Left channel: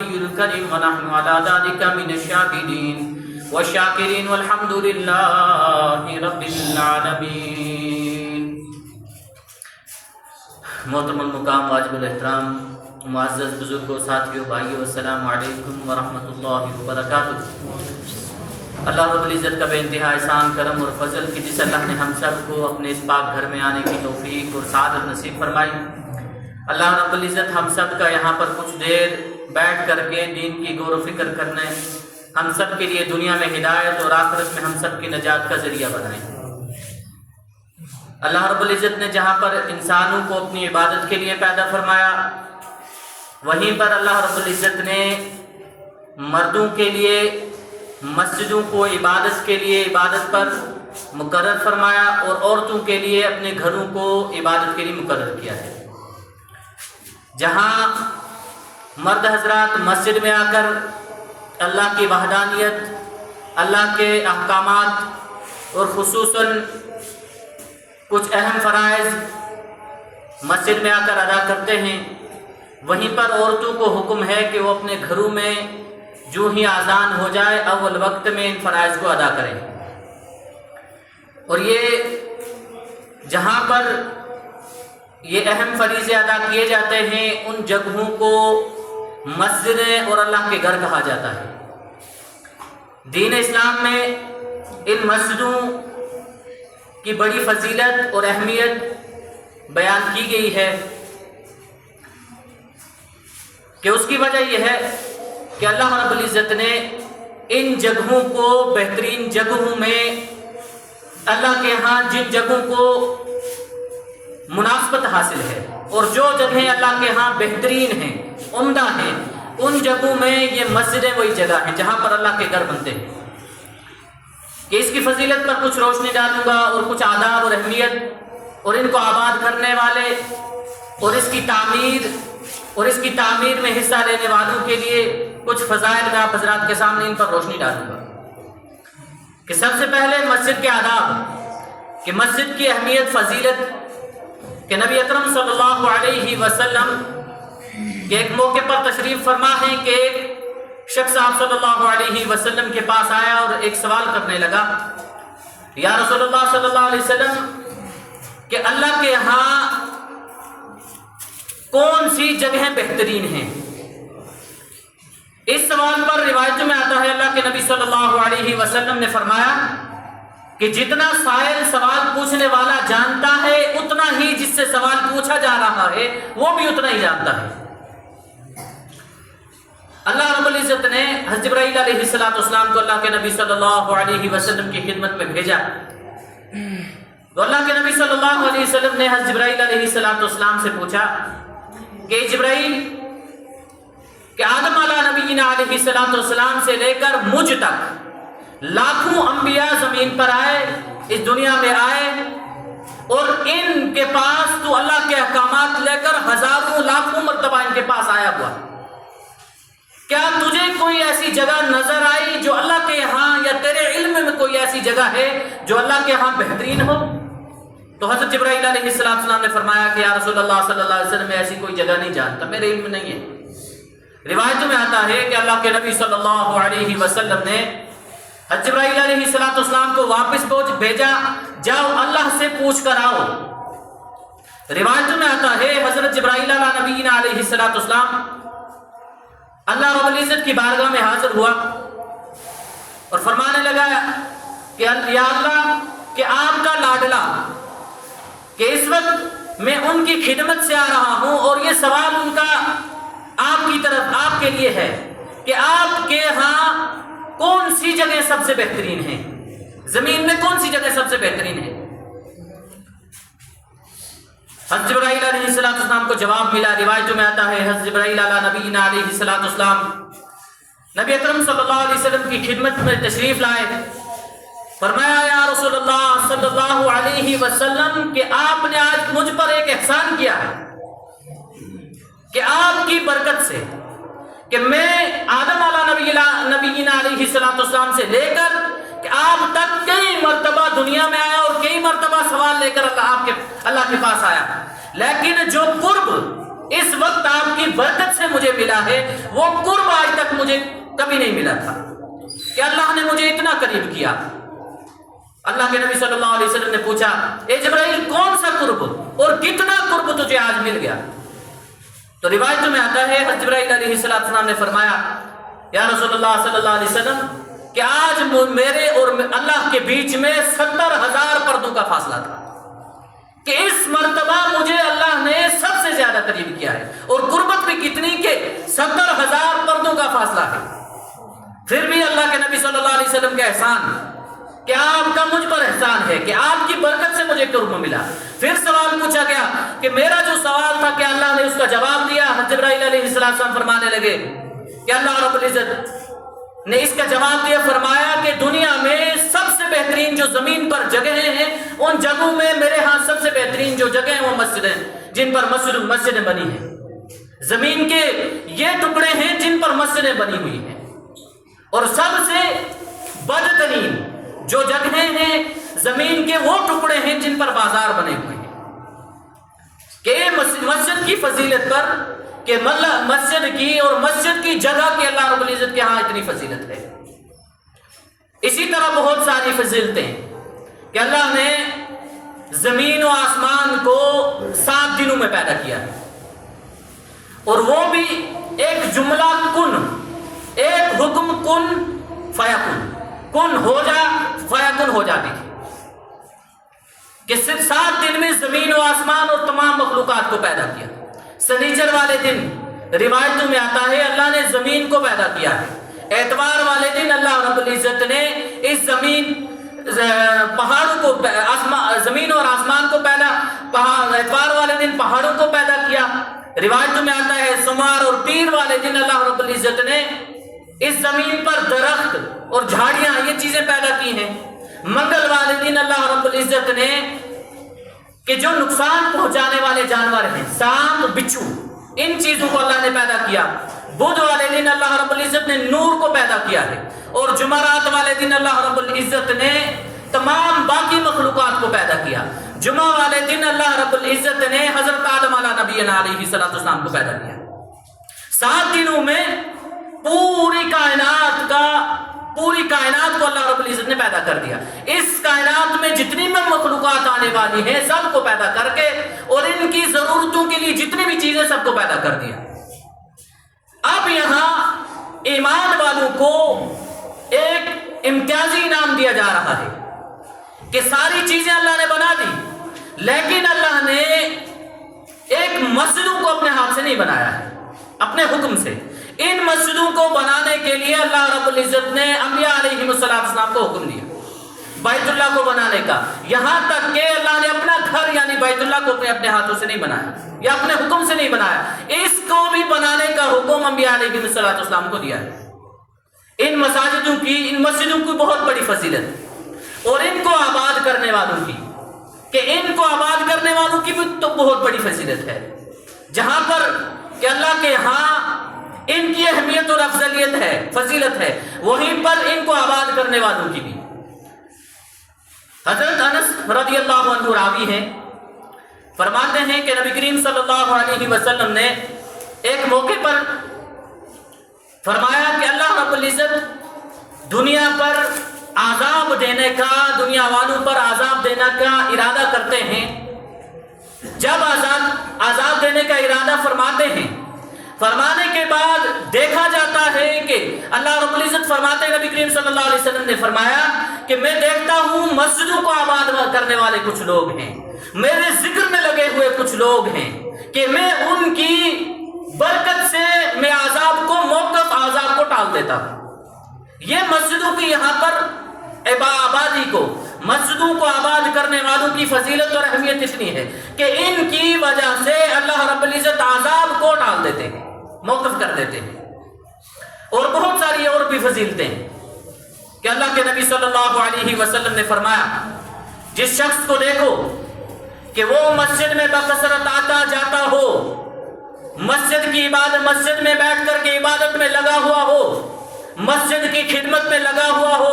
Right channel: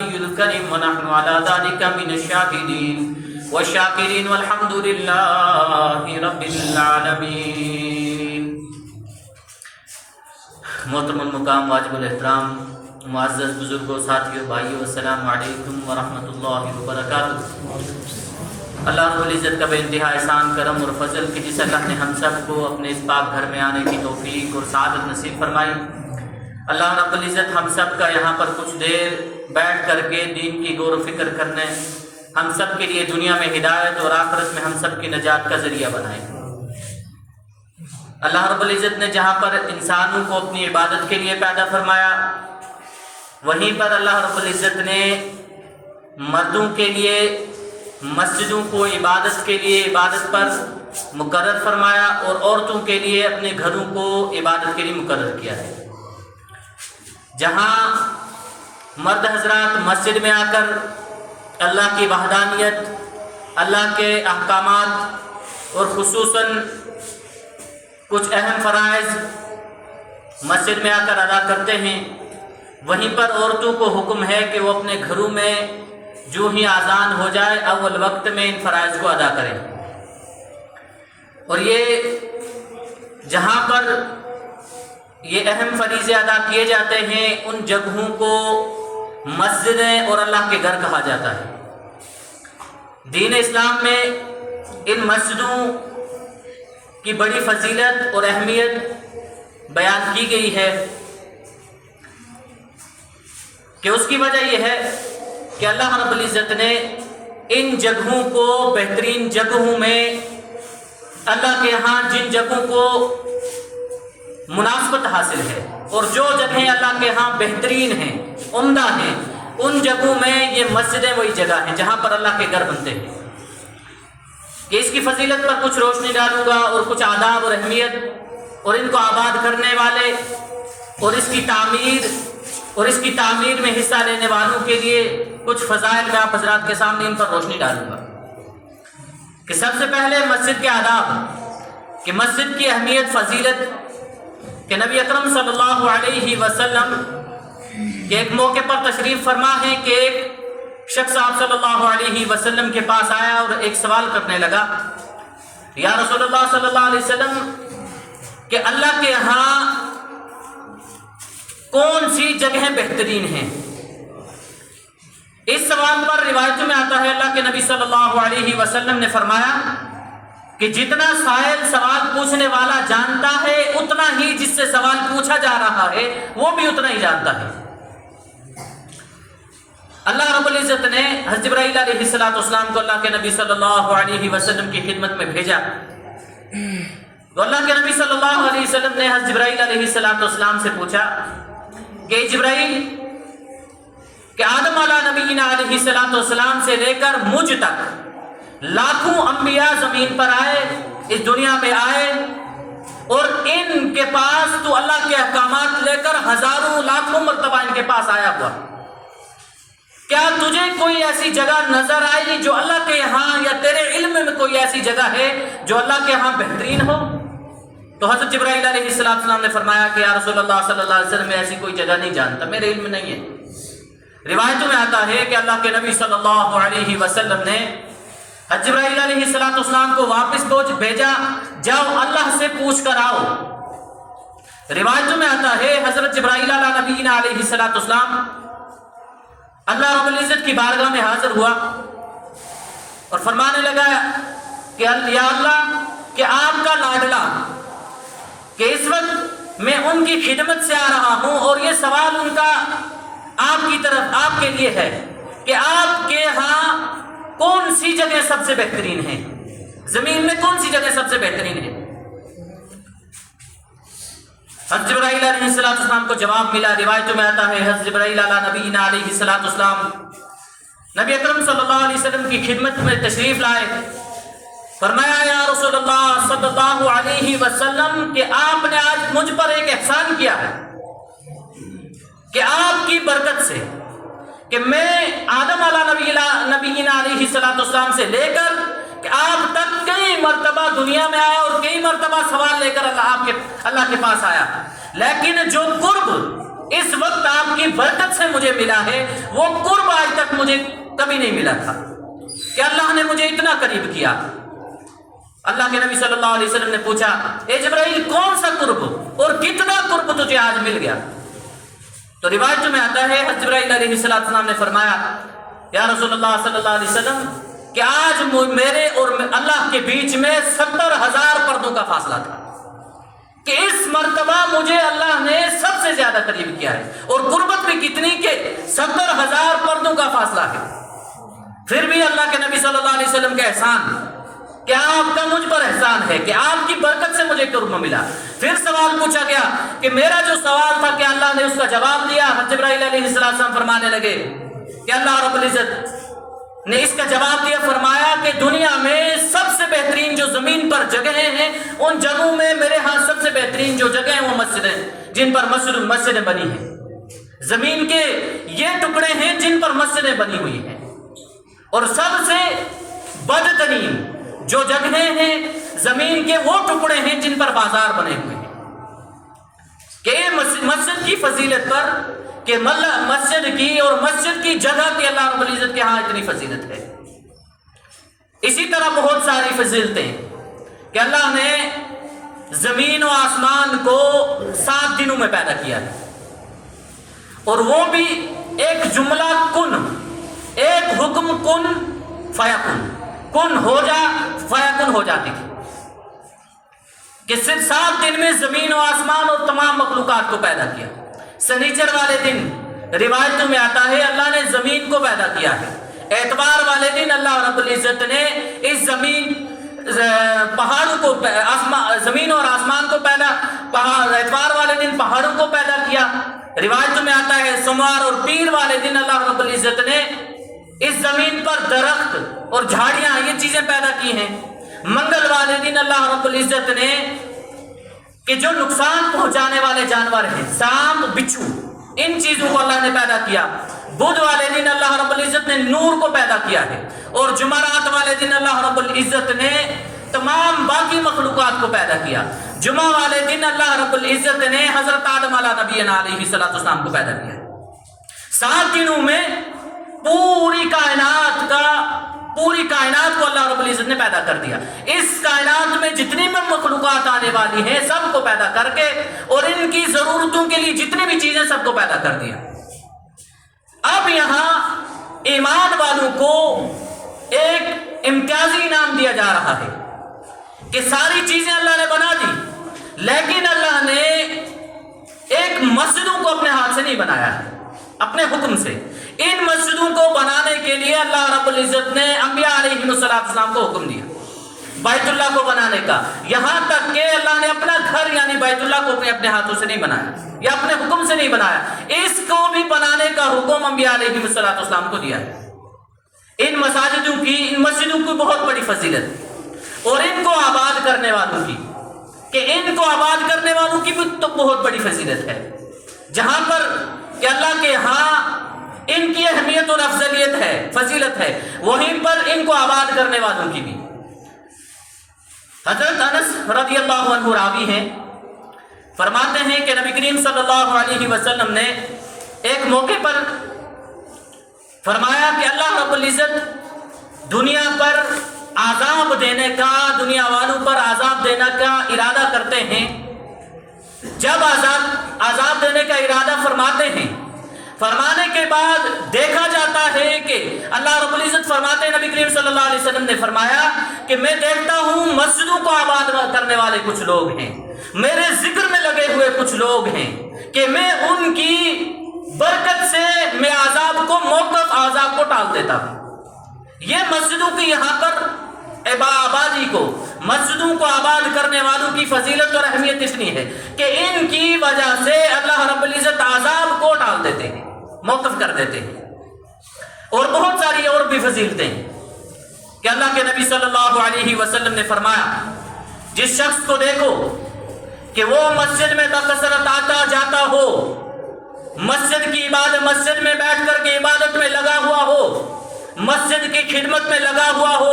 الكريم ونحن على ذلك من الشاهدين والشاكرين والحمد لله رب العالمين. محترم المقام واجب الاحترام معزز بزرگوں ساتھیوں بھائیوں السلام علیکم ورحمۃ اللہ وبرکاتہ. اللہ رب العزت کا بے انتہا احسان کرم اور فضل کہ جس اللہ نے ہم سب کو اپنے اس پاک گھر میں آنے کی توفیق اور سعادت نصیب فرمائی. اللہ رب العزت ہم سب کا یہاں پر کچھ دیر بیٹھ کر کے دین کی غور و فکر کرنے ہم سب کے لیے دنیا میں ہدایت اور آخرت میں ہم سب کی نجات کا ذریعہ بنائے. اللہ رب العزت نے جہاں پر انسانوں کو اپنی عبادت کے لیے پیدا فرمایا وہیں پر اللہ رب العزت نے مردوں کے لیے مسجدوں کو عبادت کے لیے عبادت پر مقرر فرمایا اور عورتوں کے لیے اپنے گھروں کو عبادت کے لیے مقرر کیا ہے. جہاں مرد حضرات مسجد میں آ کر اللہ کی وحدانیت، اللہ کے احکامات اور خصوصاً کچھ اہم فرائض مسجد میں آ کر ادا کرتے ہیں، وہیں پر عورتوں کو حکم ہے کہ وہ اپنے گھروں میں جو ہی اذان ہو جائے اول وقت میں ان فرائض کو ادا کریں. اور یہ جہاں پر یہ اہم فریضے ادا کیے جاتے ہیں ان جگہوں کو مسجدیں اور اللہ کے گھر کہا جاتا ہے. دین اسلام میں ان مسجدوں کی بڑی فضیلت اور اہمیت بیان کی گئی ہے کہ اس کی وجہ یہ ہے کہ اللہ رب العزت نے ان جگہوں کو بہترین جگہوں میں اللہ کے ہاں جن جگہوں کو مناسبت حاصل ہے اور جو جگہیں اللہ کے ہاں بہترین ہیں، عمدہ ہیں، ان جگہوں میں یہ مسجدیں وہی جگہ ہیں جہاں پر اللہ کے گھر بنتے ہیں. کہ اس کی فضیلت پر کچھ روشنی ڈالوں گا اور کچھ آداب اور اہمیت اور ان کو آباد کرنے والے اور اس کی تعمیر میں حصہ لینے والوں کے لیے کچھ فضائل میں آپ حضرات کے سامنے ان پر روشنی ڈالوں گا. کہ سب سے پہلے مسجد کے آداب، کہ مسجد کی اہمیت فضیلت، کہ نبی اکرم صلی اللہ علیہ وسلم کے ایک موقع پر تشریف فرما ہے کہ ایک شخص آپ صلی اللہ علیہ وسلم کے پاس آیا اور ایک سوال کرنے لگا، یا رسول اللہ صلی اللہ علیہ وسلم کہ اللہ کے ہاں کون سی جگہیں بہترین ہیں؟ اس سوال پر روایتوں میں آتا ہے اللہ کے نبی صلی اللہ علیہ وسلم نے فرمایا کہ جتنا سائل سوال پوچھنے والا جانتا ہے اتنا ہی جس سے سوال پوچھا جا رہا ہے وہ بھی اتنا ہی جانتا ہے. اللہ رب العزت نے حضرت جبرائیل علیہ السلام کو اللہ کے نبی صلی اللہ علیہ وسلم کی خدمت میں بھیجا تو اللہ کے نبی صلی اللہ علیہ وسلم نے حضرت جبرائیل علیہ السلام سے پوچھا کہ جبرائیل کہ آدم علیہ نبینا علیہ السلام سے لے کر مجھ تک لاکھوں انبیاء زمین پر آئے، اس دنیا میں آئے اور ان کے پاس تو اللہ کے احکامات لے کر ہزاروں لاکھوں مرتبہ ان کے پاس آیا ہوا، کیا تجھے کوئی ایسی جگہ نظر آئی جو اللہ کے ہاں یا تیرے علم میں کوئی ایسی جگہ ہے جو اللہ کے ہاں بہترین ہو؟ تو حضرت جبرائیل علیہ السلام نے فرمایا کہ یا رسول اللہ صلی اللہ علیہ وسلم میں ایسی کوئی جگہ نہیں جانتا، میرے علم میں نہیں ہے. روایتوں میں آتا ہے کہ اللہ کے نبی صلی اللہ علیہ وسلم نے حضرت جبرائیل علیہ السلام کو واپس بھیجا، جاؤ اللہ سے پوچھ کر آؤ. روایتوں میں آتا ہے حضرت جبرائیل علیہ نبینا علیہ السلام اللہ رب العزت کی بارگاہ میں حاضر ہوا اور فرمانے لگا کہ یا اللہ کہ آپ کا لاڈلا کہ اس وقت میں ان کی خدمت سے آ رہا ہوں اور یہ سوال ان کا آپ کی طرف آپ کے لیے ہے کہ آپ کے ہاں کون سی جگہ سب سے بہترین ہے، زمین میں کون سی جگہ سب سے بہترین ہے؟ حضرت جبرائیل علیہ السلام کو جواب ملا. روایتوں میں آتا ہے حضرت جبرائیل علیہ نبینا علیہ السلام نبی اکرم صلی اللہ علیہ وسلم کی خدمت میں تشریف لائے. فرمایا یا رسول اللہ صلی اللہ علیہ وسلم کہ آپ نے آج مجھ پر ایک احسان کیا ہے کہ آپ کی برکت سے کہ میں آدم علیہ نبینا علیہ السلام سے لے کر کہ آپ تک کئی مرتبہ دنیا میں آیا اور کئی مرتبہ سوال لے کر اللہ کے پاس آیا، لیکن جو قرب اس وقت آپ کی برکت سے مجھے ملا ہے، وہ قرب آج تک مجھے کبھی نہیں ملا تھا کہ اللہ نے مجھے اتنا قریب کیا۔ اللہ کے نبی صلی اللہ علیہ وسلم نے پوچھا، اے جبرائیل کون سا قرب اور کتنا قرب تجھے آج مل گیا؟ تو روایتوں میں آتا ہے حضرت جبرائیل علیہ السلام نے فرمایا، یا رسول اللہ صلی اللہ علیہ وسلم کہ آج میرے اور اللہ کے بیچ میں 70,000 پردوں کا فاصلہ تھا، کہ اس مرتبہ مجھے اللہ نے سب سے زیادہ قریب کیا ہے، اور قربت بھی کتنی کہ 70,000 پردوں کا فاصلہ ہے۔ پھر بھی اللہ کے نبی صلی اللہ علیہ وسلم کا احسان کہ آپ کا مجھ پر احسان ہے کہ آپ کی برکت سے مجھے قرب ملا۔ پھر سوال پوچھا گیا کہ میرا جو سوال تھا کہ اللہ نے اس کا جواب دیا۔ حضرت جبرائیل علیہ السلام فرمانے لگے کہ اللہ رب العزت نے اس کا جواب دیا، فرمایا کہ دنیا میں سب سے بہترین جو زمین پر جگہیں ہیں، ان جگہوں میں میرے ہاں سب سے بہترین جو جگہ ہیں وہ مسجدیں، جن پر مسجدیں بنی ہیں۔ زمین کے یہ ٹکڑے ہیں جن پر مسجدیں بنی ہوئی ہیں، اور سب سے بدترین جو جگہیں ہیں زمین کے وہ ٹکڑے ہیں جن پر بازار بنے ہوئے ہیں۔ کہ مسجد کی فضیلت پر، کہ مسجد کی اور مسجد کی جگہ کی اللہ رب العزت کے ہاں اتنی فضیلت ہے۔ اسی طرح بہت ساری فضیلتیں کہ اللہ نے زمین و آسمان کو 7 دنوں میں پیدا کیا ہے، اور وہ بھی ایک جملہ کن، ایک حکم کن فیکن، کن ہو جا فیکن ہو جاتی تھی، کہ صرف 7 دن میں زمین و آسمان اور تمام مخلوقات کو پیدا کیا۔ سنیچر والے دن روایتوں میں آتا ہے اللہ نے زمین کو پیدا کیا ہے، اتوار والے دن اللہ رب العزت نے اس زمین پہاڑوں کو، زمین اور آسمان کو پیدا، اتوار والے دن پہاڑوں کو پیدا کیا۔ روایتوں میں آتا ہے سوموار اور پیر والے دن اللہ رب العزت نے اس زمین پر درخت اور جھاڑیاں یہ چیزیں پیدا کی ہیں۔ منگل والے دن اللہ رب العزت نے کہ جو نقصان پہنچانے والے جانور ہیں، سانپ، بچھو، ان چیزوں کو اللہ نے پیدا کیا۔ بدھ والے دن اللہ رب العزت نے نور کو پیدا کیا ہے، اور جمعرات والے دن اللہ رب العزت نے تمام باقی مخلوقات کو پیدا کیا۔ جمعہ والے دن اللہ رب العزت نے حضرت آدم علیہ نبینا علیہ السلام کو پیدا کیا۔ 7 دنوں میں پوری کائنات کو اللہ رب العزت نے پیدا کر دیا۔ اس کائنات میں جتنی بھی مخلوقات آنے والی ہیں سب کو پیدا کر کے، اور ان کی ضرورتوں کے لیے جتنی بھی چیزیں سب کو پیدا کر دیا۔ اب یہاں ایمان والوں کو ایک امتیازی انعام دیا جا رہا ہے کہ ساری چیزیں اللہ نے بنا دی، لیکن اللہ نے ایک مسجدوں کو اپنے ہاتھ سے نہیں بنایا ہے، اپنے حکم سے۔ ان مسجدوں کو بنانے کے لیے اللہ رب العزت نے انبیاء علیہ السلام کو حکم دیا بیت اللہ کو بنانے کا، یہاں تک کہ اللہ نے اپنا گھر یعنی بیت اللہ کو اپنے ہاتھوں سے نہیں بنایا یا اپنے حکم سے نہیں بنایا، اس کو بھی بنانے کا حکم انبیاء علیہ السلام کو دیا ہے۔ ان مساجدوں کی، ان مسجدوں کی بہت بڑی فضیلت، اور ان کو آباد کرنے والوں کی، کہ ان کو آباد کرنے والوں کی بھی تو بہت بڑی فضیلت ہے، جہاں پر کہ اللہ کے ہاں ان کی اہمیت اور افضلیت ہے، فضیلت ہے، وہیں پر ان کو آباد کرنے والوں کی بھی۔ حضرت انس رضی اللہ عنہ راوی ہیں، فرماتے ہیں کہ نبی کریم صلی اللہ علیہ وسلم نے ایک موقع پر فرمایا کہ اللہ رب العزت دنیا پر عذاب دینے کا، دنیا والوں پر عذاب دینے کا ارادہ کرتے ہیں۔ جب عذاب دینے کا ارادہ فرماتے ہیں، فرمانے کے بعد دیکھا جاتا ہے کہ اللہ رب العزت فرماتے ہیں، نبی کریم صلی اللہ علیہ وسلم نے فرمایا کہ میں دیکھتا ہوں مسجدوں کو آباد کرنے والے کچھ لوگ ہیں، میرے ذکر میں لگے ہوئے کچھ لوگ ہیں، کہ میں ان کی برکت سے میں عذاب کو ٹال دیتا ہوں۔ یہ مسجدوں کی یہاں پر آبادی کو، مسجدوں کو آباد کرنے والوں کی فضیلت اور اہمیت اتنی ہے کہ ان کی وجہ سے اللہ رب العزت عذاب کو ٹال دیتے ہیں، موقف کر دیتے ہیں۔ اور بہت ساری اور بھی فضیلتیں کہ اللہ کے نبی صلی اللہ علیہ وسلم نے فرمایا، جس شخص کو دیکھو کہ وہ مسجد میں بکثرت آتا جاتا ہو، مسجد کی عبادت، مسجد میں بیٹھ کر کے عبادت میں لگا ہوا ہو، مسجد کی خدمت میں لگا ہوا ہو،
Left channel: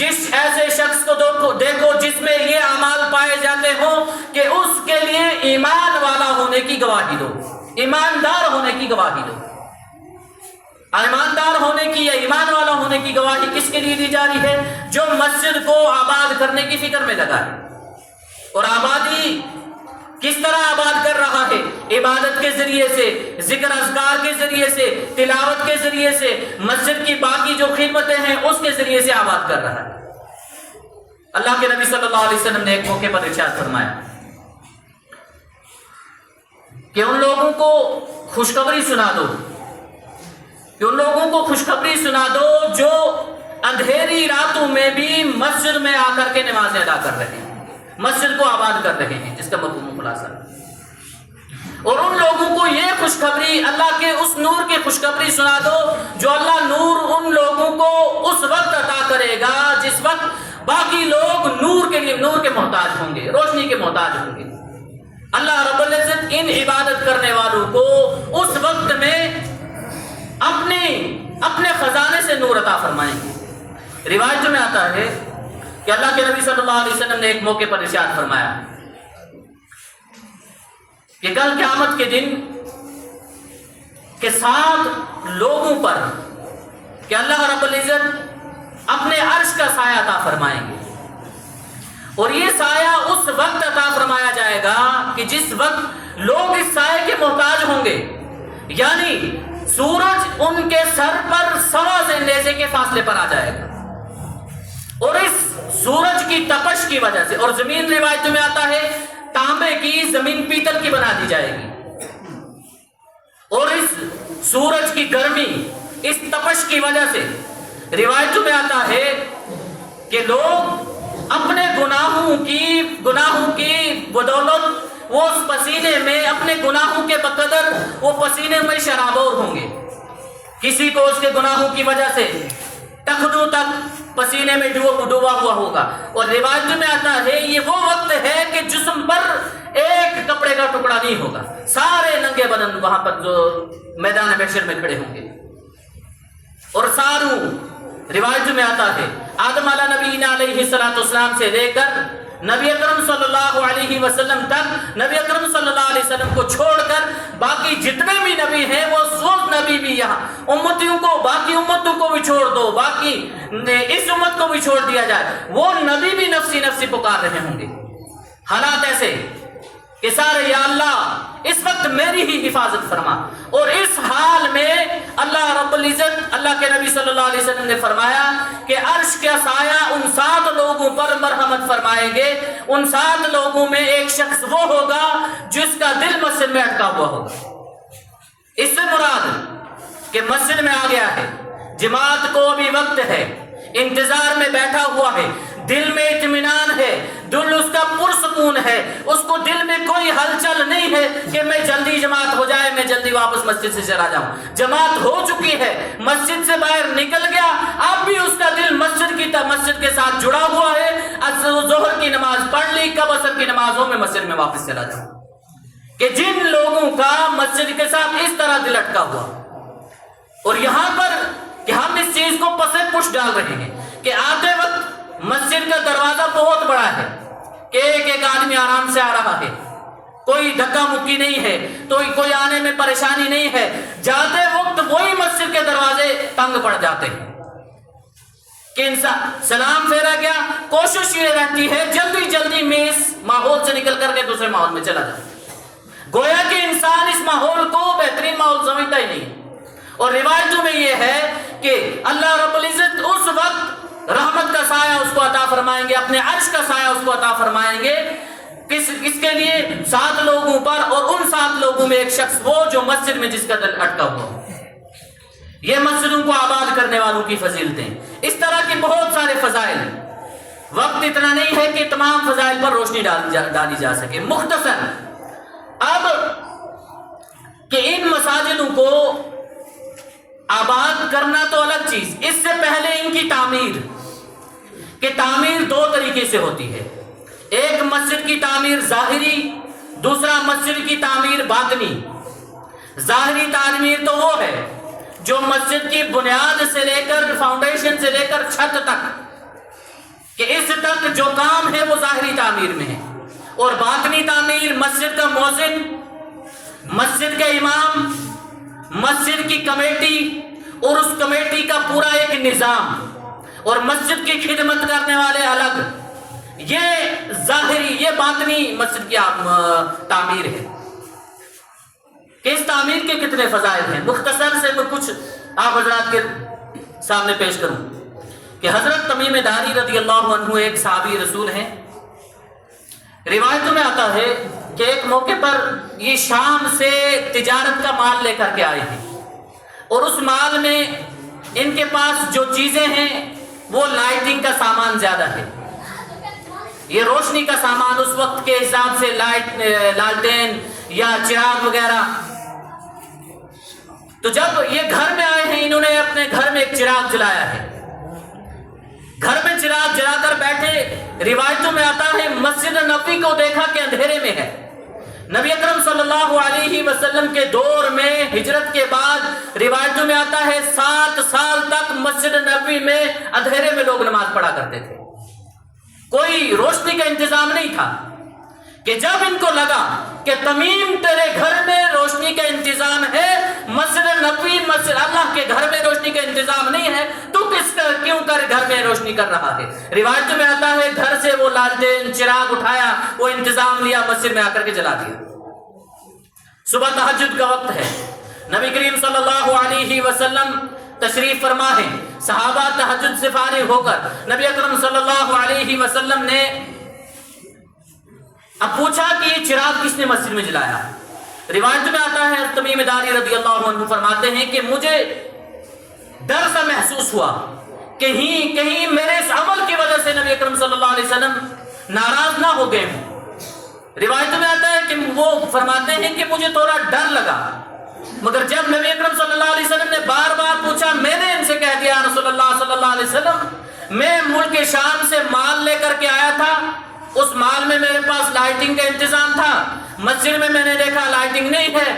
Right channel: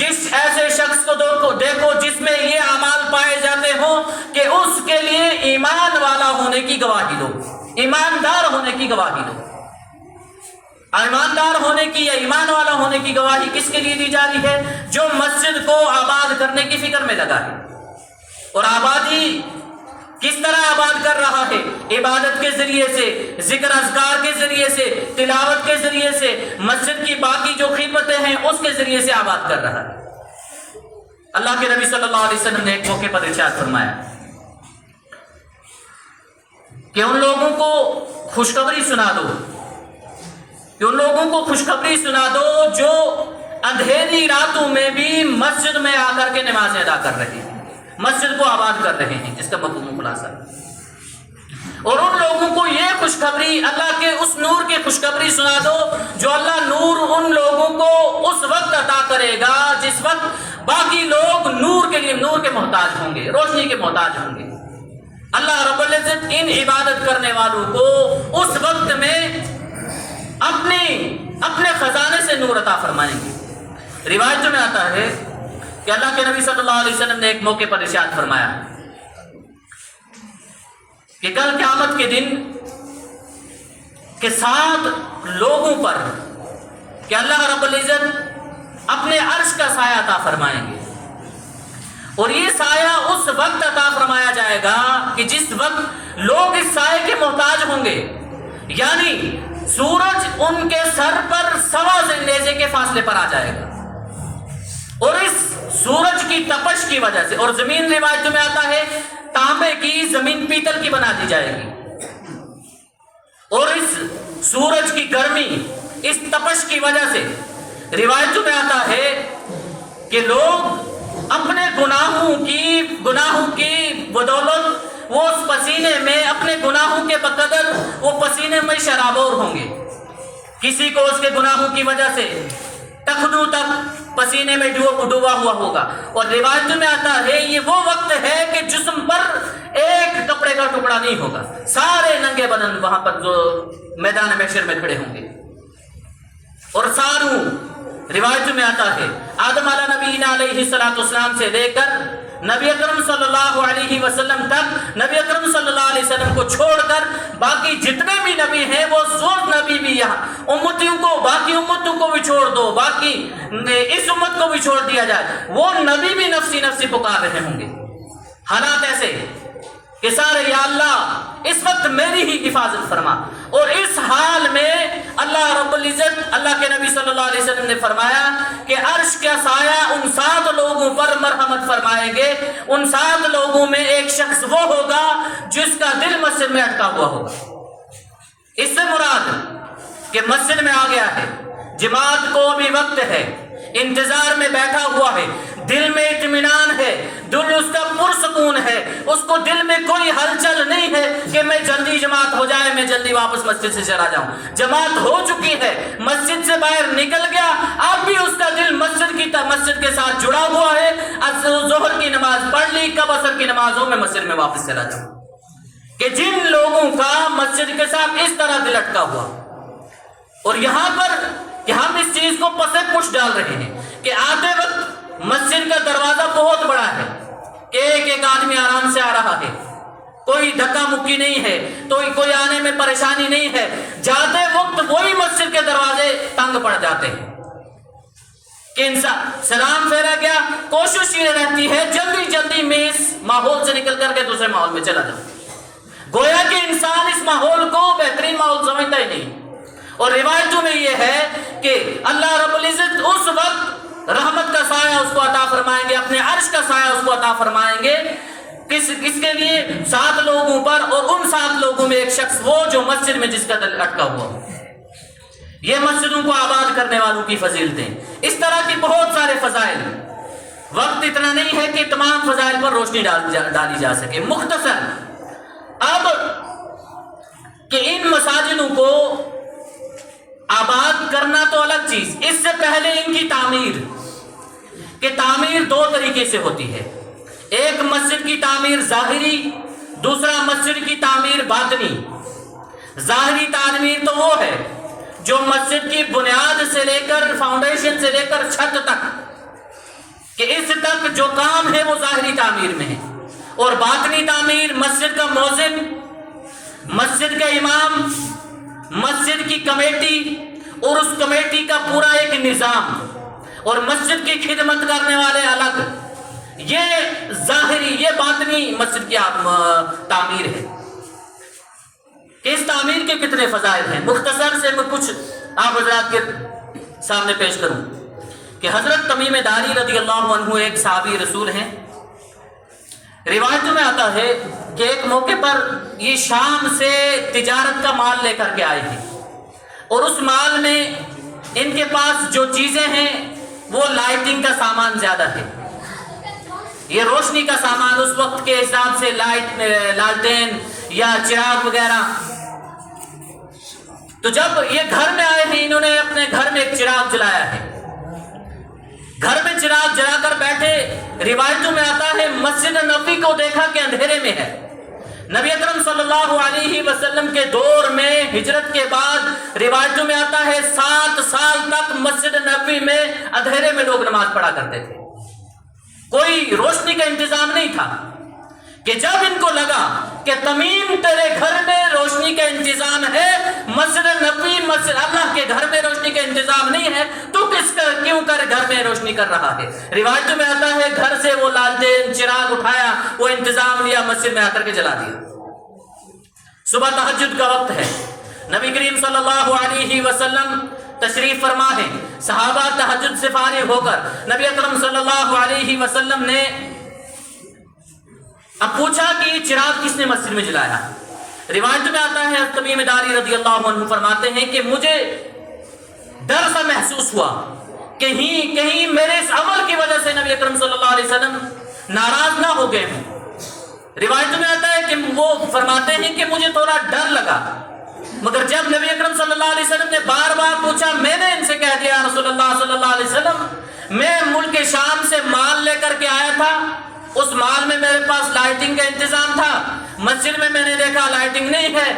جس ایسے شخص کو دیکھو جس میں یہ اعمال پائے جاتے ہوں کہ اس کے لیے ایمان والا ہونے کی گواہی دو، ایماندار ہونے کی گواہی دو۔ ایماندار ہونے کی یا ایمان والا ہونے کی گواہی کس کے لیے دی جا رہی ہے؟ جو مسجد کو آباد کرنے کی فکر میں لگا ہے۔ اور آبادی کس طرح آباد کر رہا ہے؟ عبادت کے ذریعے سے، ذکر اذکار کے ذریعے سے، تلاوت کے ذریعے سے، مسجد کی باقی جو خدمتیں ہیں اس کے ذریعے سے آباد کر رہا ہے۔ اللہ کے نبی صلی اللہ علیہ وسلم نے ایک موقع پر ارشاد فرمایا کہ ان لوگوں کو خوشخبری سنا دو، کہ ان لوگوں کو خوشخبری سنا دو جو اندھیری راتوں میں بھی مسجد میں آ کر کے نمازیں ادا کر رہے ہیں، مسجد کو آباد کر رہے ہیں، جس کا مفہوم خلاصہ۔ اور ان لوگوں کو یہ خوشخبری، اللہ کے اس نور کی خوشخبری سنا دو جو اللہ نور ان لوگوں کو اس وقت عطا کرے گا جس وقت باقی لوگ نور کے لیے، نور کے محتاج ہوں گے، روشنی کے محتاج ہوں گے۔ اللہ رب العزت ان عبادت کرنے والوں کو اس وقت میں اپنے خزانے سے نور عطا فرمائیں گے۔ روایتوں میں آتا ہے کہ اللہ کے نبی صلی اللہ علیہ وسلم نے ایک موقع پر ارشاد فرمایا کہ کل قیامت کے دن کے 7 لوگوں پر کہ اللہ رب العزت اپنے عرش کا سایہ عطا فرمائیں گے، اور یہ سایہ اس وقت عطا فرمایا جائے گا کہ جس وقت لوگ اس سایہ کے محتاج ہوں گے، یعنی سورج ان کے سر پر 1.25 اندیزے کے فاصلے پر آ جائے گا، اور اس سورج کی تپش کی وجہ سے، اور زمین روایتوں میں آتا ہے تانبے کی، زمین پیتل کی بنا دی جائے گی، اور اس سورج کی گرمی، اس تپش کی وجہ سے روایتوں میں آتا ہے کہ لوگ اپنے گناہوں کی بدولت وہ اس پسینے میں، اپنے گناہوں کے بقدر وہ پسینے میں شرابور ہوں گے۔ کسی کو اس کے گناہوں کی وجہ سے ٹخنوں تک پسینے میں ڈوبا ہوا ہوگا، اور روایتوں میں آتا ہے یہ وہ وقت ہے کہ جسم پر ایک کپڑے کا ٹکڑا نہیں ہوگا، سارے ننگے بدن وہاں پر جو میدان محشر میں کھڑے ہوں گے۔ اور ساروں روایتوں میں آتا ہے آدم علیہ نبی علیہ السلام سے لے کر نبی اکرم صلی اللہ علیہ وسلم تک، نبی اکرم صلی اللہ علیہ وسلم کو چھوڑ کر باقی جتنے بھی نبی ہیں وہ سب نبی بھی یہاں امتیوں کو، باقی امتوں کو بھی چھوڑ دو، باقی اس امت کو بھی چھوڑ دیا جائے، وہ نبی بھی نفسی نفسی پکار رہے ہوں گے۔ حالات ایسے کہ سارے یا اللہ اس وقت میری ہی حفاظت فرما، اور اس حال میں اللہ رب العزت، اللہ کے نبی صلی اللہ علیہ وسلم نے فرمایا کہ عرش کا سایہ ان 7 لوگوں پر مرحمت فرمائیں گے۔ ان 7 لوگوں میں ایک شخص وہ ہوگا جس کا دل مسجد میں اٹکا ہوا ہوگا۔ اس سے مراد کہ مسجد میں آ گیا ہے، جماعت کو ابھی وقت ہے، انتظار میں بیٹھا ہوا ہے، دل میں اطمینان ہے، دل اس کا پرسکون ہے، اس کو دل میں کوئی ہلچل نہیں ہے کہ میں جلدی جماعت ہو جائے، میں جلدی واپس مسجد سے چلا جاؤں۔ جماعت ہو چکی ہے، مسجد سے باہر نکل گیا، اب بھی اس کا دل مسجد کے ساتھ جڑا ہوا ہے۔ ظہر کی نماز پڑھ لی، کب عصر کی نمازوں میں مسجد میں واپس چلا جاؤں۔ کہ جن لوگوں کا مسجد کے ساتھ اس طرح دل اٹکا ہوا، اور یہاں پر کہ ہم اس چیز کو پس پش ڈال رہے ہیں کہ آتے وقت مسجد کا دروازہ بہت بڑا ہے کہ ایک آدمی آرام سے آ رہا ہے، کوئی دھکا مکی نہیں ہے، تو کوئی آنے میں پریشانی نہیں ہے۔ جاتے وقت وہی مسجد کے دروازے تنگ پڑ جاتے ہیں کہ انسان سلام پھیرا گیا، کوشش یہ رہتی ہے جلدی جلدی میں اس ماحول سے نکل کر کے دوسرے ماحول میں چلا جائے، گویا کہ انسان اس ماحول کو بہترین ماحول سمجھتا ہی نہیں۔ اور روایتوں میں یہ ہے کہ اللہ رب العزت اس وقت رحمت کا سایہ اس کو عطا فرمائیں گے، اپنے عرش کا سایہ اس کو عطا فرمائیں گے، اس کے لیے 7 لوگوں پر، اور ان 7 لوگوں میں ایک شخص وہ جو مسجد میں جس کا دل اٹکا ہوا۔ یہ مسجدوں کو آباد کرنے والوں کی فضیلتیں، اس طرح کی بہت سارے فضائل، وقت اتنا نہیں ہے کہ تمام فضائل پر روشنی ڈالی جا سکے۔ مختصر اب کہ ان مساجدوں کو آباد کرنا تو الگ چیز، اس سے پہلے ان کی تعمیر، کہ تعمیر 2 طریقے سے ہوتی ہے، ایک مسجد کی تعمیر ظاہری، دوسرا مسجد کی تعمیر باطنی۔ ظاہری تعمیر تو وہ ہے جو مسجد کی بنیاد سے لے کر، فاؤنڈیشن سے لے کر چھت تک کہ اس تک جو کام ہے وہ ظاہری تعمیر میں ہے، اور باطنی تعمیر مسجد کا مؤذن، مسجد کے امام، مسجد کی کمیٹی اور اس کمیٹی کا پورا ایک نظام اور مسجد کی خدمت کرنے والے الگ، یہ ظاہری، یہ باطنی مسجد کی تعمیر ہے۔ کہ اس تعمیر کے کتنے فضائل ہیں، مختصر سے میں کچھ آپ حضرات کے سامنے پیش کروں کہ حضرت تمیم داری رضی اللہ عنہ ایک صحابی رسول ہیں۔ روایت میں آتا ہے کہ ایک موقع پر یہ شام سے تجارت کا مال لے کر کے آئے ہیں، اور اس مال میں ان کے پاس جو چیزیں ہیں وہ لائٹنگ کا سامان زیادہ ہے، یہ روشنی کا سامان اس وقت کے حساب سے لالٹین یا چراغ وغیرہ۔ تو جب یہ گھر میں آئے ہیں، انہوں نے اپنے گھر میں ایک چراغ جلایا ہے، گھر میں چراغ جلا کر بیٹھے۔ روایتوں میں آتا ہے مسجد نبوی کو دیکھا کہ اندھیرے میں ہے۔ نبی اکرم صلی اللہ علیہ وسلم کے دور میں ہجرت کے بعد روایتوں میں آتا ہے 7 سال تک مسجد نبوی میں اندھیرے میں لوگ نماز پڑھا کرتے تھے، کوئی روشنی کا انتظام نہیں تھا۔ کہ جب ان کو لگا کہ تمیم تیرے گھر میں روشنی کا انتظام ہے، مسجد نبوی، مسجد اللہ کے گھر میں روشنی کا انتظام نہیں ہے، تو کیوں کر گھر میں روشنی کر رہا ہے؟ روایت میں آتا ہے گھر سے وہ لالٹین چراغ اٹھایا، وہ انتظام لیا، مسجد میں آ کر کے جلا دیا۔ صبح تہجد کا وقت ہے، نبی کریم صلی اللہ علیہ وسلم تشریف فرما ہے، صحابہ تہجد سے فارغ ہو کر نبی اکرم صلی اللہ علیہ وسلم نے اب پوچھا کہ یہ چراغ کس نے مسجد میں جلایا؟ روایت میں آتا ہے تمیم داری رضی اللہ عنہ فرماتے ہیں کہ مجھے ڈر سا محسوس ہوا کہ کہیں میرے اس عمل کی وجہ سے نبی اکرم صلی اللہ علیہ وسلم ناراض نہ ہو گئے ہوں۔ روایت میں آتا ہے کہ وہ فرماتے ہیں کہ مجھے تھوڑا ڈر لگا، مگر جب نبی اکرم صلی اللہ علیہ وسلم نے بار بار پوچھا، میں نے ان سے کہہ دیا رسول اللہ صلی اللہ علیہ وسلم میں ملک شام سے مال لے کر کے آیا تھا، اس مال میں میرے پاس لائٹنگ کا انتظام تھا، مسجد میں نے دیکھا لائٹنگ نہیں ہے،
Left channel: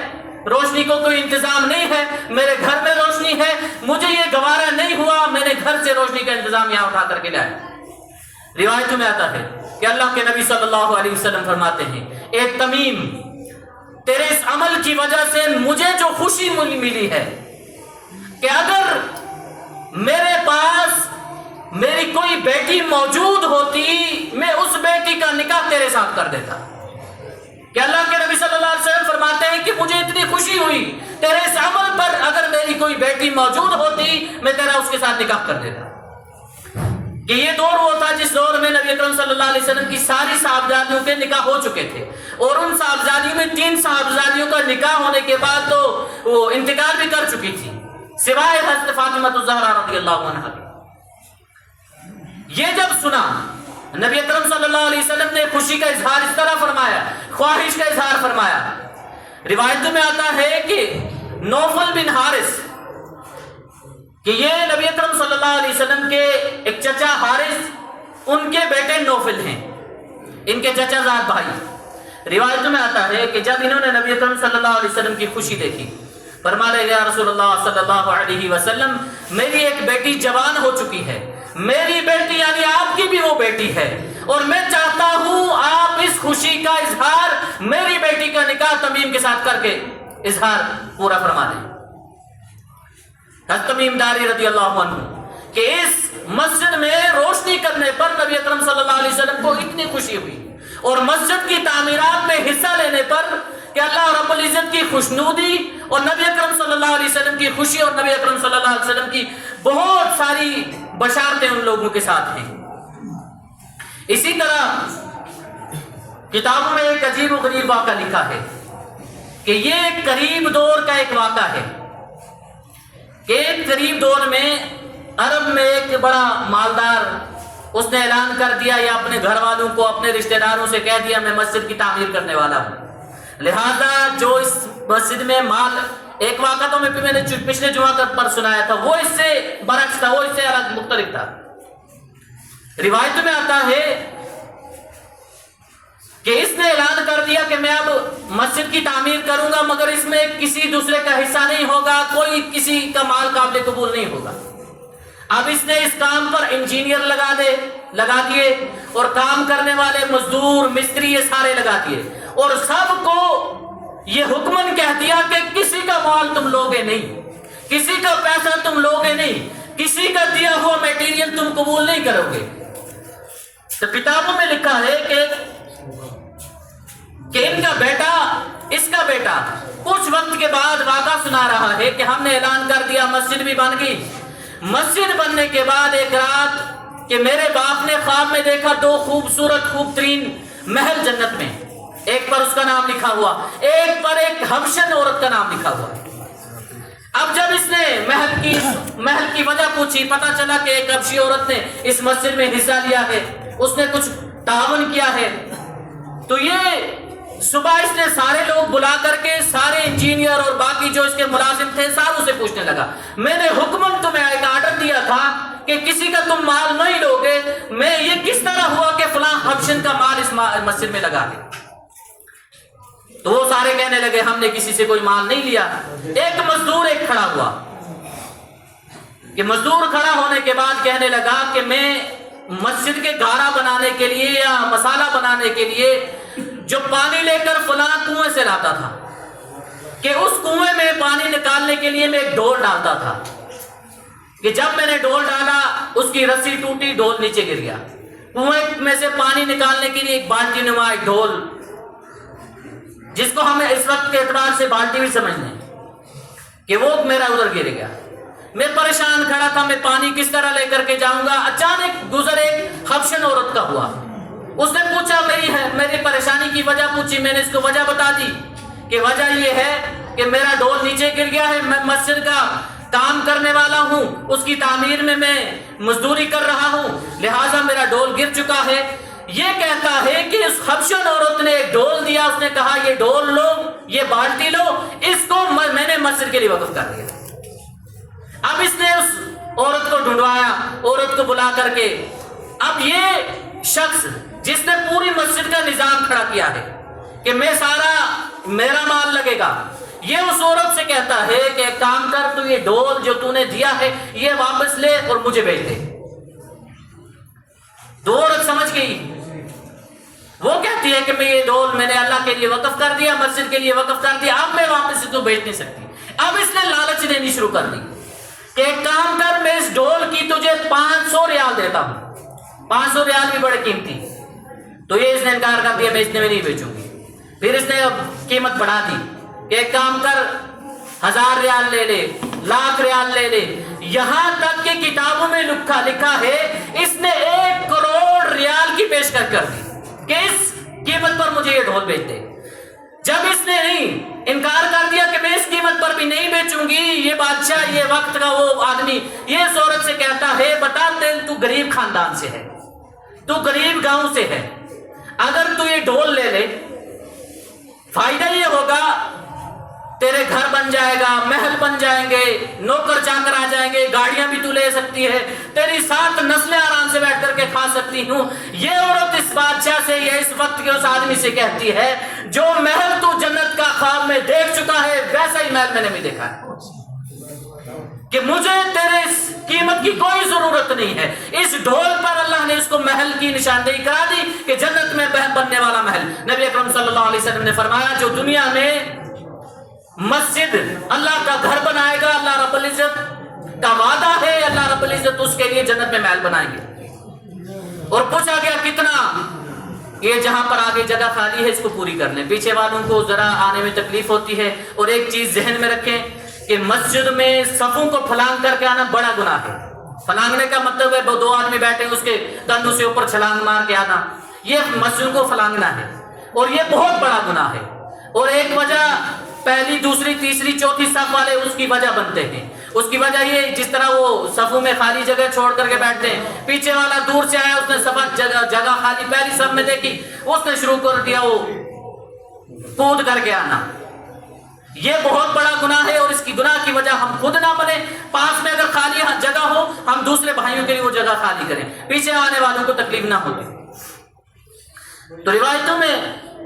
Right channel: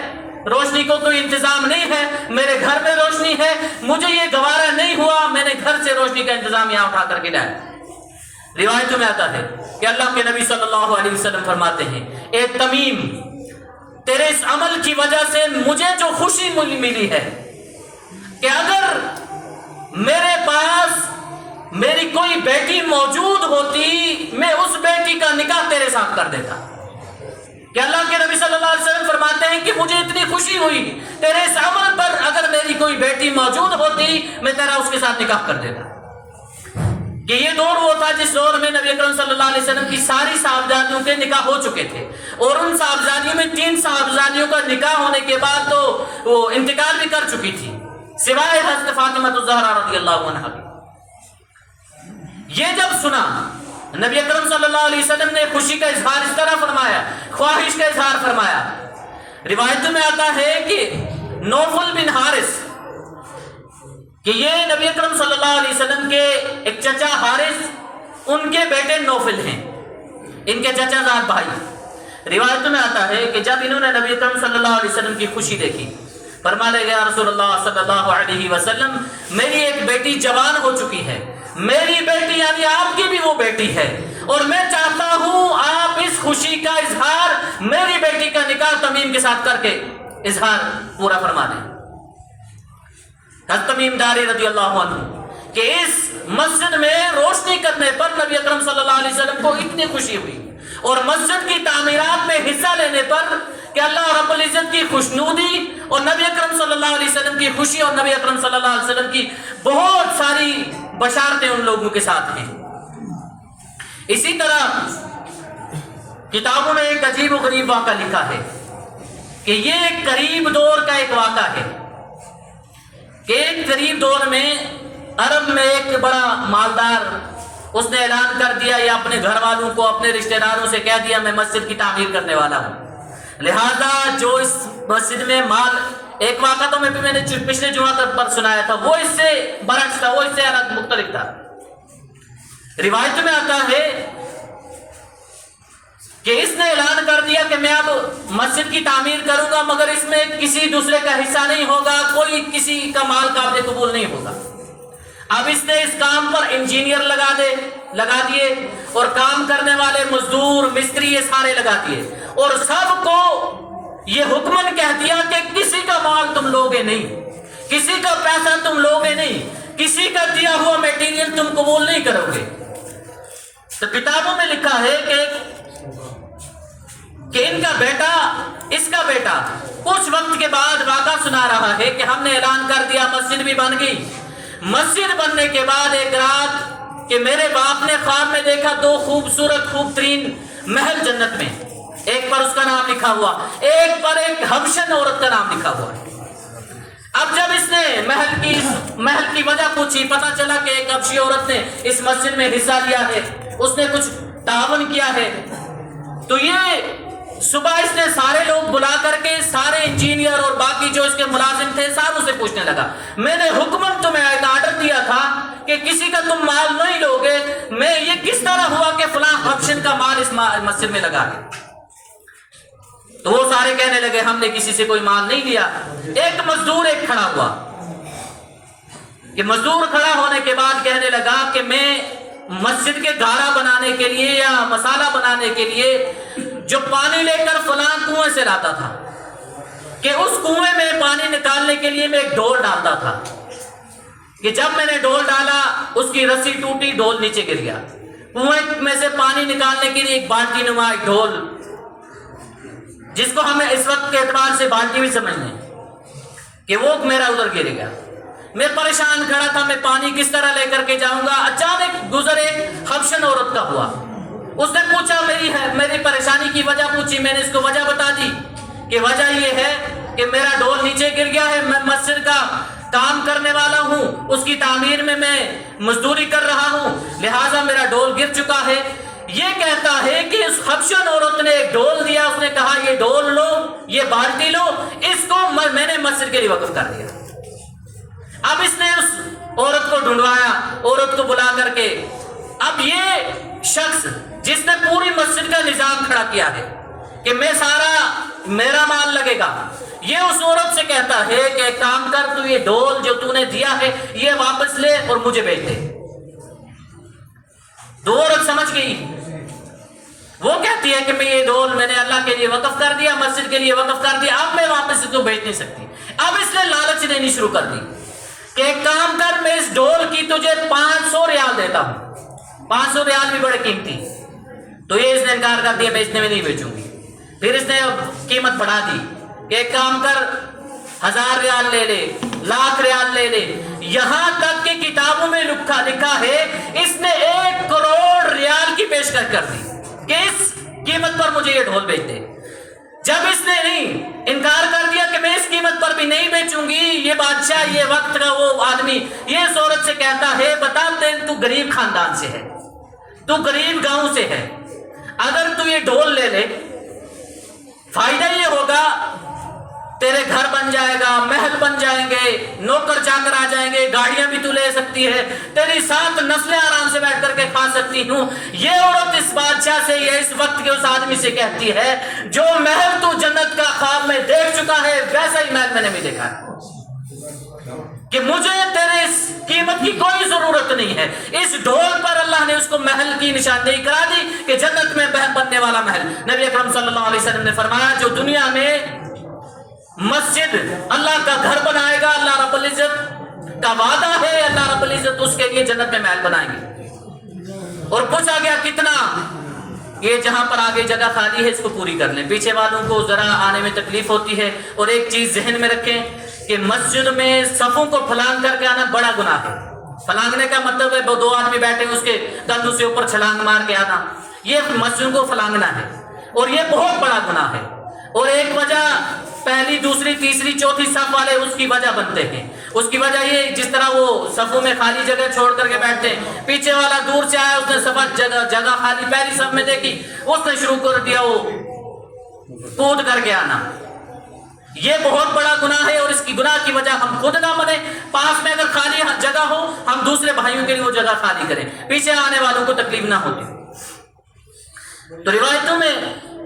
روشنی کو کوئی انتظام نہیں ہے، میرے گھر میں روشنی ہے، مجھے یہ گوارا نہیں ہوا، میں نے گھر سے روشنی کا انتظام یہاں اٹھا کر کے لایا۔ روایت میں آتا ہے کہ اللہ کے نبی صلی اللہ علیہ وسلم فرماتے ہیں، اے تمیم، تیرے اس عمل کی وجہ سے مجھے جو خوشی ملی ہے کہ اگر میرے پاس میری کوئی بیٹی موجود ہوتی، میں اس بیٹی کا نکاح تیرے ساتھ کر دیتا۔ کہ اللہ کے نبی صلی اللہ علیہ وسلم فرماتے ہیں کہ مجھے اتنی خوشی ہوئی تیرے اس عمل پر، اگر میری کوئی بیٹی موجود ہوتی میں تیرا اس کے ساتھ نکاح کر دیتا۔ کہ یہ دور وہ تھا جس دور میں نبی اکرم صلی اللہ علیہ وسلم کی ساری صاحبزادیوں کے نکاح ہو چکے تھے، اور ان صاحبزادیوں میں 3 صاحبزادیوں کا نکاح ہونے کے بعد تو وہ انتقال بھی کر چکی تھی، سوائے حضرت فاطمہ الزہرا رضی اللہ عنہا کی۔ یہ جب سنا نبی اکرم صلی اللہ علیہ وسلم نے خوشی کا اظہار اس طرح فرمایا، خواہش کا اظہار فرمایا۔ روایت میں آتا ہے کہ نوفل بن حارث، کہ یہ نبی اکرم صلی اللہ علیہ وسلم کے ایک چچا حارث، ان کے بیٹے نوفل ہیں، ان کے چچا زاد بھائی۔ روایت میں آتا ہے کہ جب انہوں نے نبی اکرم صلی اللہ علیہ وسلم کی خوشی دیکھی، فرمانے گیا رسول اللہ صلی اللہ علیہ وسلم، میری ایک بیٹی جوان ہو چکی ہے، میری بیٹی یعنی آپ کی بھی وہ بیٹی ہے، اور میں چاہتا ہوں آپ اس خوشی کا اظہار میری بیٹی کا نکاح تمیم کے ساتھ کر کے اظہار پورا فرما دیں۔ حضرت تمیم داری رضی اللہ عنہ کہ اس مسجد میں روشنی کرنے پر نبی اکرم صلی اللہ علیہ وسلم کو اتنی خوشی ہوئی، اور مسجد کی تعمیرات میں حصہ لینے پر کہ اللہ رب العزت کی خوشنودی اور نبی اکرم صلی اللہ علیہ وسلم کی خوشی اور نبی اکرم صلی اللہ علیہ وسلم کی بہت ساری بشارتیں ان لوگوں کے ساتھ ہیں۔ اسی طرح کتابوں میں ایک عجیب و غریب واقعہ لکھا ہے کہ یہ ایک قریب دور کا ایک واقعہ ہے کہ ایک قریب دور میں عرب میں ایک بڑا مالدار، اس نے اعلان کر دیا یا اپنے گھر والوں کو، اپنے رشتہ داروں سے کہہ دیا میں مسجد کی تعمیر کرنے والا ہوں، لہذا جو اس مسجد میں مال، ایک واقعہ تو میں نے پچھلے جمعہ پر سنایا تھا، وہ اس سے برعکس تھا، وہ اس سے الگ مختلف تھا۔ روایت میں آتا ہے کہ اس نے اعلان کر دیا کہ میں اب مسجد کی تعمیر کروں گا، مگر اس میں کسی دوسرے کا حصہ نہیں ہوگا، کوئی کسی کا مال قابل قبول نہیں ہوگا۔ اب اس نے اس کام پر انجینئر لگا دیے اور کام کرنے والے مزدور مستری یہ سارے لگا دیے، اور سب کو یہ حکمن کہہ دیا کہ کسی کا مال تم لوگے نہیں، کسی کا پیسہ تم لوگے نہیں، کسی کا دیا ہوا میٹیریل تم قبول نہیں کرو گے۔ تو کتابوں میں لکھا ہے کہ ان کا بیٹا، اس کا بیٹا کچھ وقت کے بعد واقعہ سنا رہا ہے کہ ہم نے اعلان کر دیا، مسجد بھی بن گئی۔ مسجد بننے کے بعد ایک رات کہ میرے باپ نے خواب میں دیکھا 2 خوبصورت خوب ترین محل جنت میں، ایک پر اس کا نام لکھا ہوا، ایک پر ایک حبشن عورت کا نام لکھا ہوا ہے۔ اب جب اس نے محل کی وجہ پوچھی، پتا چلا کہ ایک حبشی عورت نے اس مسجد میں حصہ لیا ہے، اس نے کچھ تعاون کیا ہے۔ تو یہ صبح اس نے سارے لوگ بلا کر کے، سارے انجینئر اور باقی جو اس کے ملازم تھے ساروں سے پوچھنے لگا، میں نے حکمن تمہیں ایک آرڈر دیا تھا کہ کسی کا تم مال نہیں لوگے، میں یہ کس طرح ہوا کہ فلاں حبشن کا مال اس مسجد میں لگا ہے؟ تو وہ سارے کہنے لگے ہم نے کسی سے کوئی مال نہیں لیا۔ ایک مزدور کھڑا ہوا، کہ مزدور کھڑا ہونے کے بعد کہنے لگا کہ میں مسجد کے گھاڑا بنانے کے لیے یا مسالہ بنانے کے لیے جو پانی لے کر فلاں کنویں سے لاتا تھا، کہ اس کنویں میں پانی نکالنے کے لیے میں ایک ڈول ڈالتا تھا، کہ جب میں نے ڈول ڈالا اس کی رسی ٹوٹی، ڈول نیچے گر گیا۔ کنویں میں سے پانی نکالنے کے لیے ایک بالٹی نما ایک ڈول، جس کو ہمیں اس وقت کے اعتبار سے بالٹی بھی سمجھتے ہیں، کہ وہ میرا ادھر گر گیا۔ میں پریشان کھڑا تھا، میں پانی کس طرح لے کر کے جاؤں گا۔ اچانک گزر ایک حبشن عورت کا ہوا، اس نے پوچھا میری پریشانی کی وجہ پوچھی، میں نے اس کو وجہ بتا دی کہ وجہ یہ ہے کہ میرا ڈول نیچے گر گیا ہے، میں مسجد کا کام کرنے والا ہوں، اس کی تعمیر میں مزدوری کر رہا ہوں، لہٰذا میرا ڈول گر چکا ہے۔ یہ کہتا ہے کہ اس حبشن عورت نے ایک ڈول دیا، اس نے کہا یہ ڈول لو، یہ بالٹی لو، اس کو میں نے مسجد کے لیے وقف کر دیا۔ اب اس نے اس عورت کو ڈھونڈوایا، عورت کو بلا کر کے، اب یہ شخص جس نے پوری مسجد کا نظام کھڑا کیا ہے کہ میرا مال لگے گا، یہ اس عورت سے کہتا ہے کہ ایک کام کر، تو یہ ڈول جو تو نے دیا ہے یہ واپس لے اور مجھے بھیج دے۔ تو عورت سمجھ گئی، وہ کہتی ہے کہ میں یہ ڈول میں نے اللہ کے لیے وقف کر دیا، مسجد کے لیے وقف کر دیا، اب میں واپس اس کو بھیج نہیں سکتی۔ اب اس نے لالچ دینی شروع کر دی کہ ایک کام کر، میں اس ڈول کی تجھے 500 ریال دیتا ہوں، 500 ریال بھی بڑے قیمتی۔ تو یہ اس نے انکار کر دیا، بیچنے میں نہیں بیچوں گی۔ پھر اس نے قیمت بڑھا دی کہ ایک کام کر، 1000 ریال لے لے، 1,00,000 ریال لے لے، یہاں تک کہ کتابوں میں لکھا ہے اس نے 1 کروڑ ریال کی پیشکش کر دی کہ اس قیمت پر مجھے یہ ڈھول بیچ دے۔ جب اس نے نہیں انکار کر دیا کہ میں اس قیمت پر بھی نہیں بیچوں گی، یہ بادشاہ، یہ وقت کا وہ آدمی یہ اس عورت سے کہتا ہے بتا تو غریب خاندان سے ہے، تو غریب گاؤں سے ہے، اگر تو یہ ڈھول لے لے فائدہ یہ ہوگا تیرے گھر بن جائے گا، محل بن جائیں گے، نوکر چاکر آ جائیں گے، گاڑیاں بھی تو لے سکتی ہے، تیری 7 نسلیں آرام سے بیٹھ کر کے کھا سکتی ہوں۔ یہ عورت اس بادشاہ سے یا اس وقت کے اس آدمی سے کہتی ہے جو محل تو جنت کا خواب میں دیکھ چکا ہے ویسا ہی محل میں نے بھی دیکھا ہے، کہ مجھے تیرے اس قیمت کی کوئی ضرورت نہیں ہے۔ اس ڈھول پر اللہ نے اس کو محل کی نشاندہی کرا دی کہ جنت میں بننے والا محل۔ نبی اکرم صلی اللہ علیہ وسلم نے فرمایا جو دنیا میں مسجد اللہ کا گھر بنائے گا، اللہ رب العزت کا وعدہ ہے، اللہ رب العزت اس کے لیے جنت میں محل بنائیں گے۔ اور پوچھا گیا کتنا؟ یہ جہاں پر آگے جگہ خالی ہے اس کو پوری کر لیں، پیچھے والوں کو ذرا آنے میں تکلیف ہوتی ہے۔ اور ایک چیز ذہن میں رکھیں کہ مسجد میں صفوں کو پھلانگ کر کے آنا بڑا گناہ ہے۔ پھلانگنے کا مطلب ہے 2 آدمی بیٹھے اس کے کندھوں سے اوپر چھلانگ مار کے آنا، یہ مسجد کو پھلانگنا ہے، اور یہ بہت بڑا گناہ ہے۔ اور ایک وجہ پہلی، دوسری، تیسری، چوتھی صف والے اس کی وجہ بنتے ہیں۔ اس کی وجہ یہ جس طرح وہ صفوں میں خالی جگہ چھوڑ کر کے بیٹھتے ہیں، پیچھے والا دور سے آیا، اس نے صف جگہ خالی پہلی صف میں دیکھی، اس نے شروع کر دیا وہ کود کر کے آنا، یہ بہت بڑا گناہ ہے۔ اور اس کی گناہ کی وجہ ہم خود نہ بنے، پاس میں اگر خالی جگہ ہو ہم دوسرے بھائیوں کے لیے وہ جگہ خالی کریں، پیچھے آنے والوں کو تکلیف نہ ہوتی۔ تو روایتوں میں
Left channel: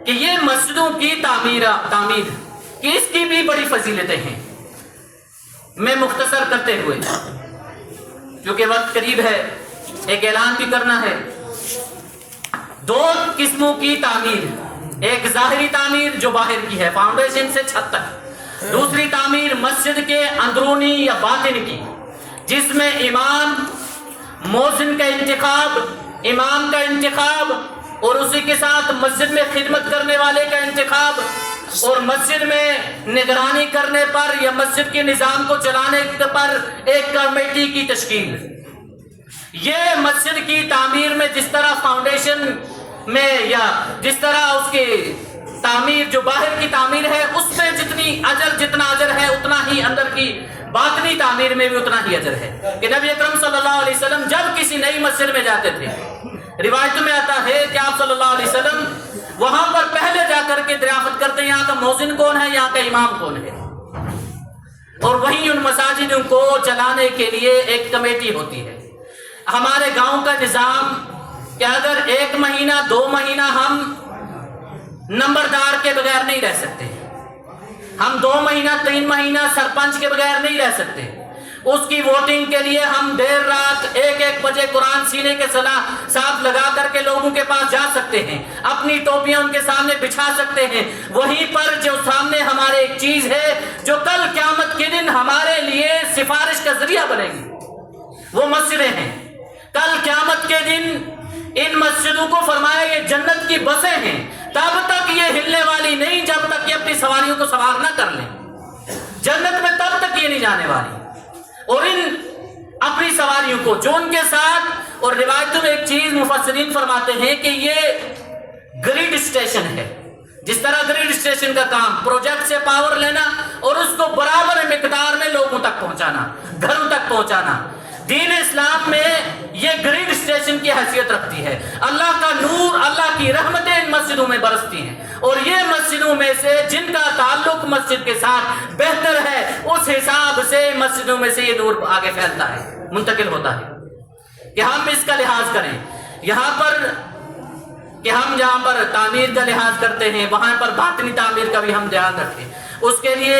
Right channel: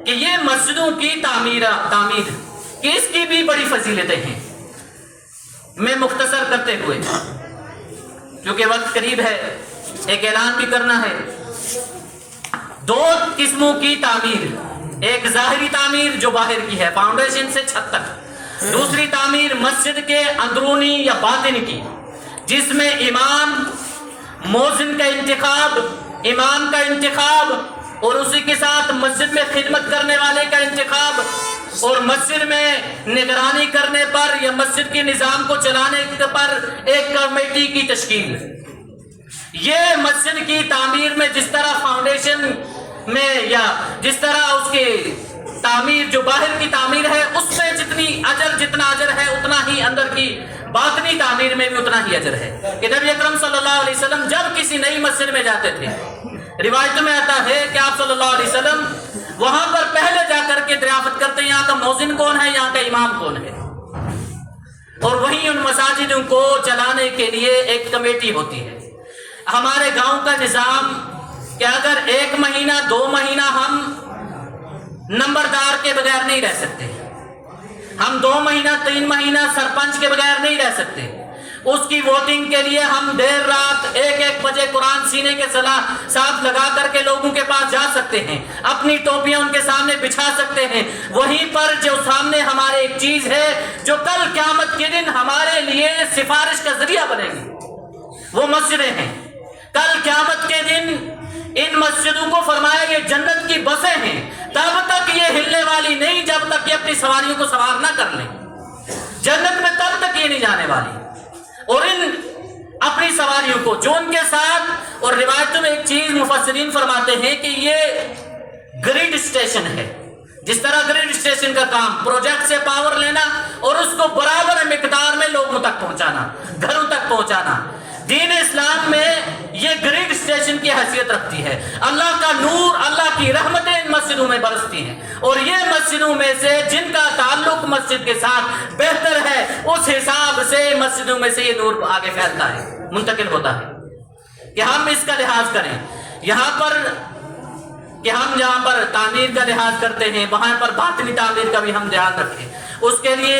کہ یہ مسجدوں کی تعمیر کہ اس کی بھی بڑی فضیلتیں ہیں۔ میں مختصر کرتے ہوئے کیونکہ وقت قریب ہے، ایک اعلان بھی کرنا ہے۔ دو قسموں کی تعمیر، ایک ظاہری تعمیر جو باہر کی ہے فاؤنڈیشن سے چھت تک، دوسری تعمیر مسجد کے اندرونی یا باطن کی، جس میں امام، مؤذن کا انتخاب، امام کا انتخاب، اور اسی کے ساتھ مسجد میں خدمت کرنے والے کا انتخاب، اور مسجد میں نگرانی کرنے پر یا مسجد کے نظام کو چلانے پر ایک کمیٹی کی تشکیل۔ یہ مسجد کی تعمیر میں جس طرح فاؤنڈیشن میں یا جس طرح اس کی تعمیر جو باہر کی تعمیر ہے اس پہ جتنا اجر ہے اتنا ہی اندر کی باطنی تعمیر میں بھی اتنا ہی اجر ہے۔ کہ نبی اکرم صلی اللہ علیہ وسلم جب کسی نئی مسجد میں جاتے تھے، روایت میں آتا ہے کہ آپ صلی اللہ علیہ وسلم وہاں پر پہلے جا کر کے دریافت کرتے ہیں یہاں کا مؤذن کون ہے، یہاں کا امام کون ہے، اور وہیں ان مساجدوں کو چلانے کے لیے ایک کمیٹی ہوتی ہے۔ ہمارے گاؤں کا نظام کہ اگر 1 مہینہ 2 مہینہ ہم نمبردار کے بغیر نہیں رہ سکتے، ہم 2 مہینہ 3 مہینہ سرپنچ کے بغیر نہیں رہ سکتے، اس کی ووٹنگ کے لیے ہم دیر رات 1 بجے قرآن سینے کے ساتھ لگا کر کے لوگوں کے پاس جا سکتے ہیں، اپنی ٹوپیاں ان کے سامنے بچھا سکتے ہیں۔ وہیں پر جو سامنے ہمارے ایک چیز ہے جو کل قیامت کے دن ہمارے لیے سفارش کا ذریعہ بنے گی، وہ مسجدیں ہیں۔ کل قیامت کے دن ان مسجدوں کو فرمایا یہ جنت کی بسیں ہیں، تب تک یہ ہلنے والی نہیں جب تک یہ اپنی سواریوں کو سوار نہ کر لیں، جنت میں تب تک یہ نہیں جانے والی۔ اور ان اپنی سواریوں کو جو ان کے ساتھ، اور روایتوں میں ایک چیز مفسرین فرماتے ہیں کہ یہ گریڈ اسٹیشن ہے، جس طرح گریڈ اسٹیشن کا کام پروجیکٹ سے پاور لینا اور اس کو برابر مقدار میں لوگوں تک پہنچانا، گھروں تک پہنچانا، دین اسلام میں یہ گریڈ اسٹیشن کی حیثیت رکھتی ہے۔ اللہ کا نور، اللہ کی رحمتیں ان مسجدوں میں برستی ہیں، اور یہ مسجدوں میں سے جن کا تعلق مسجد کے ساتھ بہتر ہے اس حساب سے مسجدوں میں سے یہ نور آگے پھیلتا ہے، منتقل ہوتا ہے۔ کہ ہم اس کا لحاظ کریں، یہاں پر کہ ہم جہاں پر تعمیر کا لحاظ کرتے ہیں وہاں پر باطنی تعمیر کا بھی ہم لحاظ رکھیں۔ اس کے لیے